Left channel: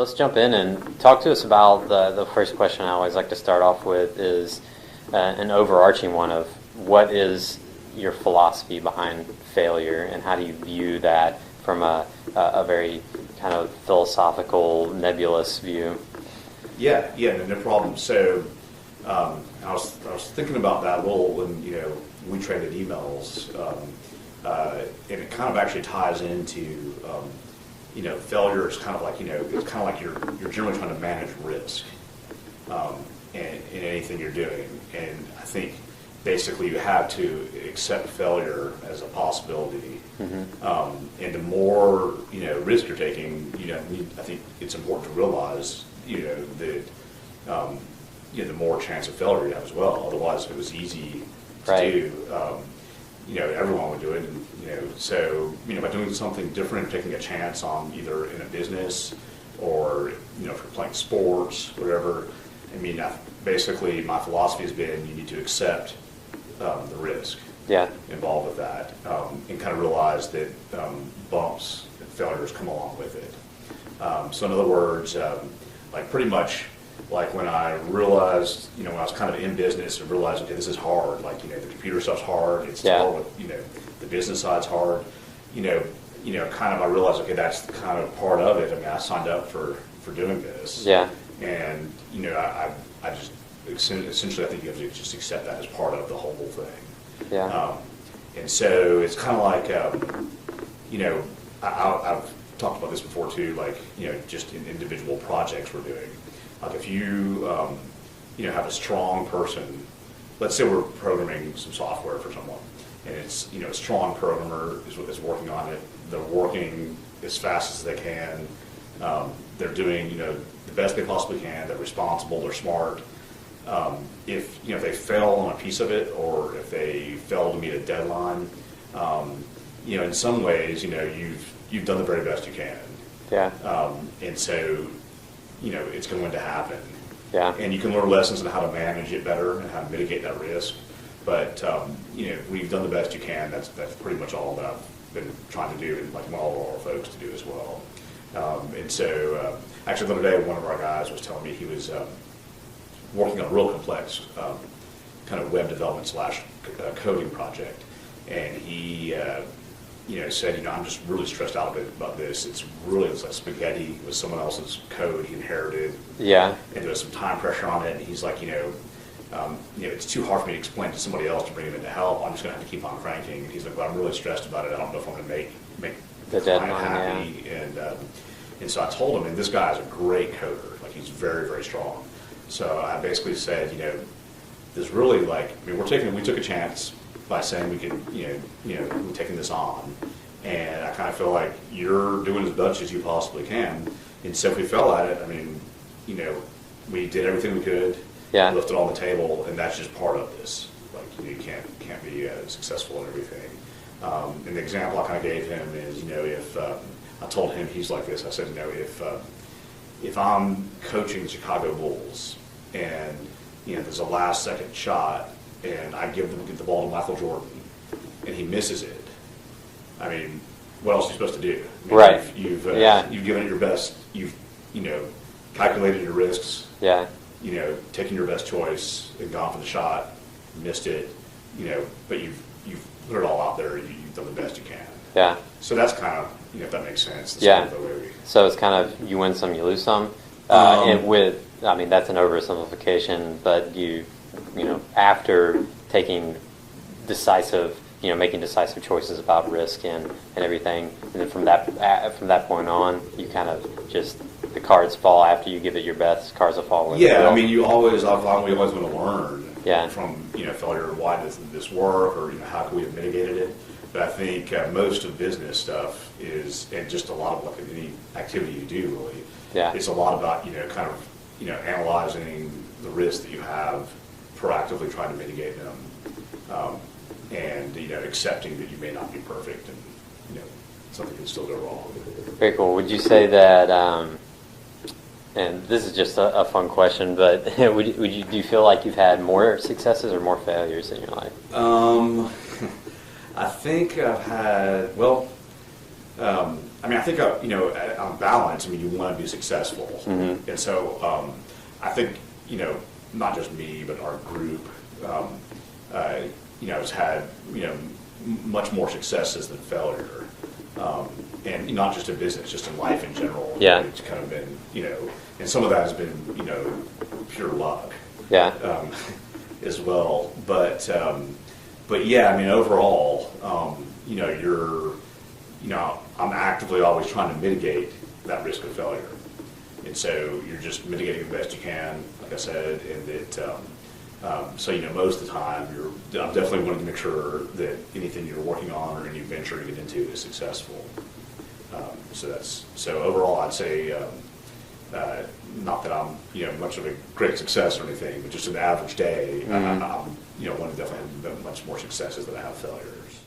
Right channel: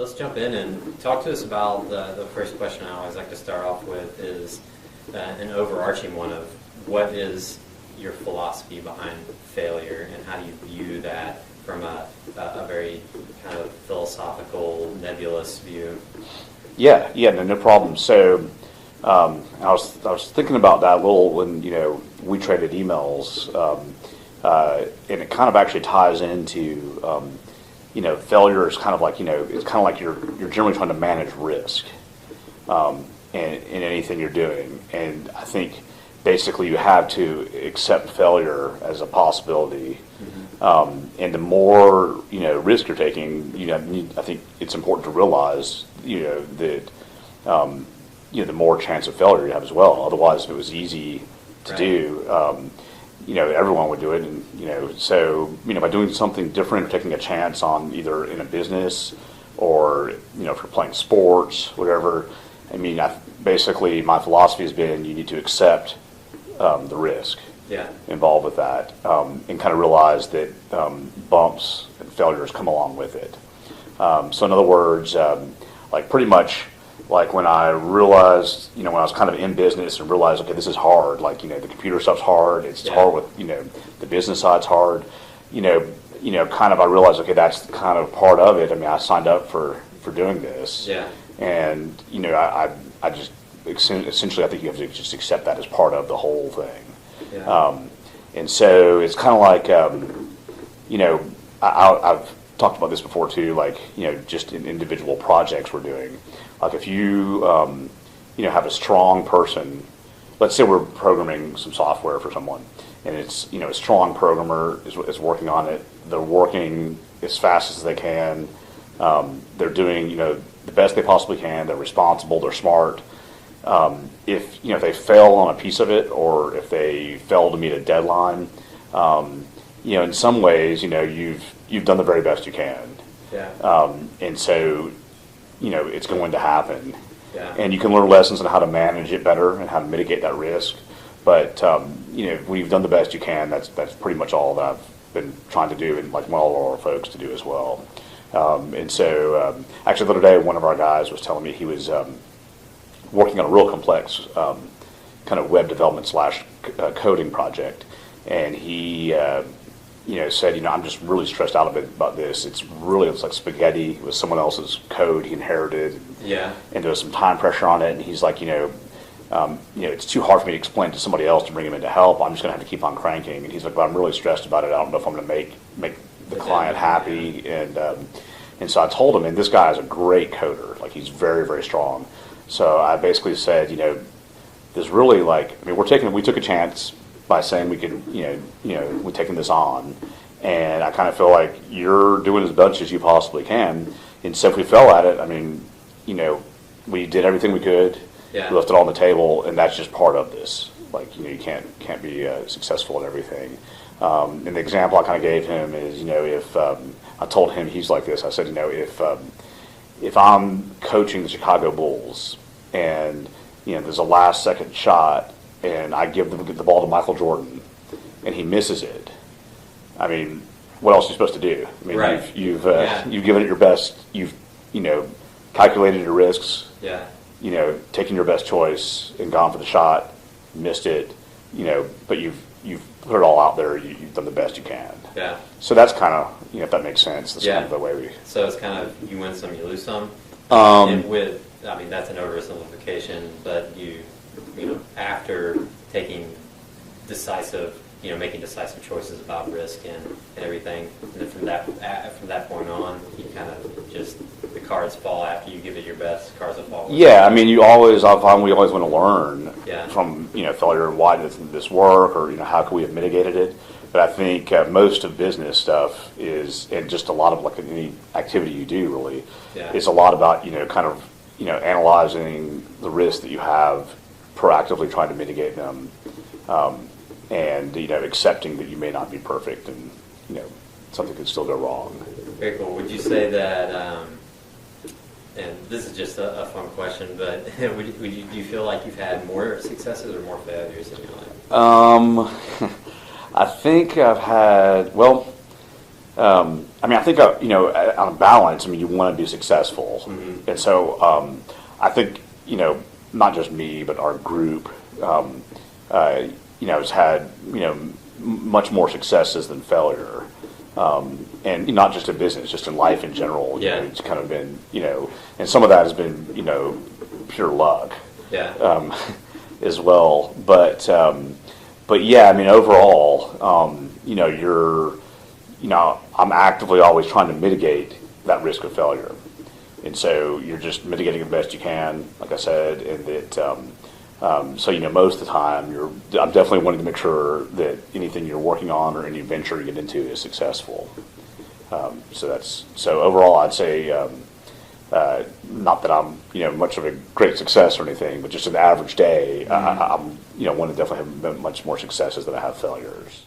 let's jump in and talk to us about the first question I always like to start off with is an overarching one of what is your philosophy behind failure, and how do you view that from a very kind of philosophical, nebulous view? Yeah, no problem. So I was thinking about that a little when we traded emails, and it kind of actually ties into failure is kind of like it's kind of like you're generally trying to manage risk in anything you're doing, and I think basically you have to accept failure as a possibility, and the more risk you're taking, I think it's important to realize that the more chance of failure you have as well. Otherwise, if it was easy to do, everyone would do it. And so by doing something different, or taking a chance on either in a business or if you're playing sports, whatever. I mean, basically my philosophy has been you need to accept the risk involved with that, and kind of realize that bumps and failures come along with it. So in other words, like pretty much like when I realized, when I was kind of in business and realized, okay, this is hard. Like, the computer stuff's hard. It's hard with, the business side's hard. Kind of I realized, okay, that's kind of part of it. I mean, I signed up for doing this. Yeah. And, I just essentially I think you have to just accept that as part of the whole thing. Yeah. And so it's kind of like, I've talked about this before too, like, just in individual projects we're doing. Like if you, have a strong person, let's say we're programming some software for someone, and it's, a strong programmer is working on it. They're working as fast as they can. They're doing, the best they possibly can. They're responsible. They're smart. If they fail on a piece of it, or if they fail to meet a deadline, in some ways, you've done the very best you can. Yeah. And so, it's going to happen. Yeah. And you can learn lessons on how to manage it better and how to mitigate that risk. But when you've done the best you can, that's pretty much all that I've been trying to do, and like all of our folks to do as well. And so, actually, the other day, one of our guys was telling me he was working on a real complex kind of web development / coding project, and he said, I'm just really stressed out a bit about this. It's like spaghetti. It was someone else's code he inherited. Yeah. And there was some time pressure on it, and he's like, it's too hard for me to explain to somebody else to bring him in to help. I'm just going to have to keep on cranking. And he's like, but I'm really stressed about it. I don't know if I'm going to make the client happy. Yeah. And so I told him, and this guy is a great coder. Like, he's very, very strong. So I basically said, there's really we took a chance by saying we could, we're taking this on, and I kind of feel like you're doing as much as you possibly can. And so if we fell at it, I mean, we did everything we could. Yeah. We left it on the table, and that's just part of this. Like, you can't be successful in everything. And the example I kind of gave him is, if I told him, he's like this. I said, if I'm coaching the Chicago Bulls and there's a last second shot, and I give the ball to Michael Jordan, and he misses it, I mean, what else are you supposed to do? I mean, right. You've given it your best. You've calculated your risks. Yeah. Taken your best choice and gone for the shot, missed it. But you've put it all out there. You've done the best you can. Yeah. So that's kind of if that makes sense. That's kind of the way we. So it's kind of you win some, you lose some. And that's an oversimplification, but after taking making decisive choices about risk and everything, and then from that point on, you kind of just the cards fall after you give it your best. Cards will fall. Yeah, I mean, I find we always want to learn from failure. Why doesn't this work, or how can we have mitigated it? But I think most of business stuff is, and just a lot of like any activity you do really, is a lot about kind of analyzing the risks that you have, proactively trying to mitigate them, and accepting that you may not be perfect, and something can still go wrong. Very cool. Would you say that? And this is just a fun question, but do you feel like you've had more successes or more failures in your life? I think I've had I mean, I think, on balance, I mean, you want to be successful. And so I think, not just me, but our group, has had, much more successes than failure. And not just in business, just in life in general. Yeah. It's kind of been, and some of that has been, pure luck. Yeah. As well. But yeah, I mean, overall, I'm actively always trying to mitigate that risk of failure. And so you're just mitigating the best you can, like I said, and that, so, most of the time I'm definitely wanting to make sure that anything you're working on or any venture you get into is successful. So overall, I'd say, not that I'm, much of a great success or anything, but just an average day, I'm, want to definitely have much more successes than I have failures.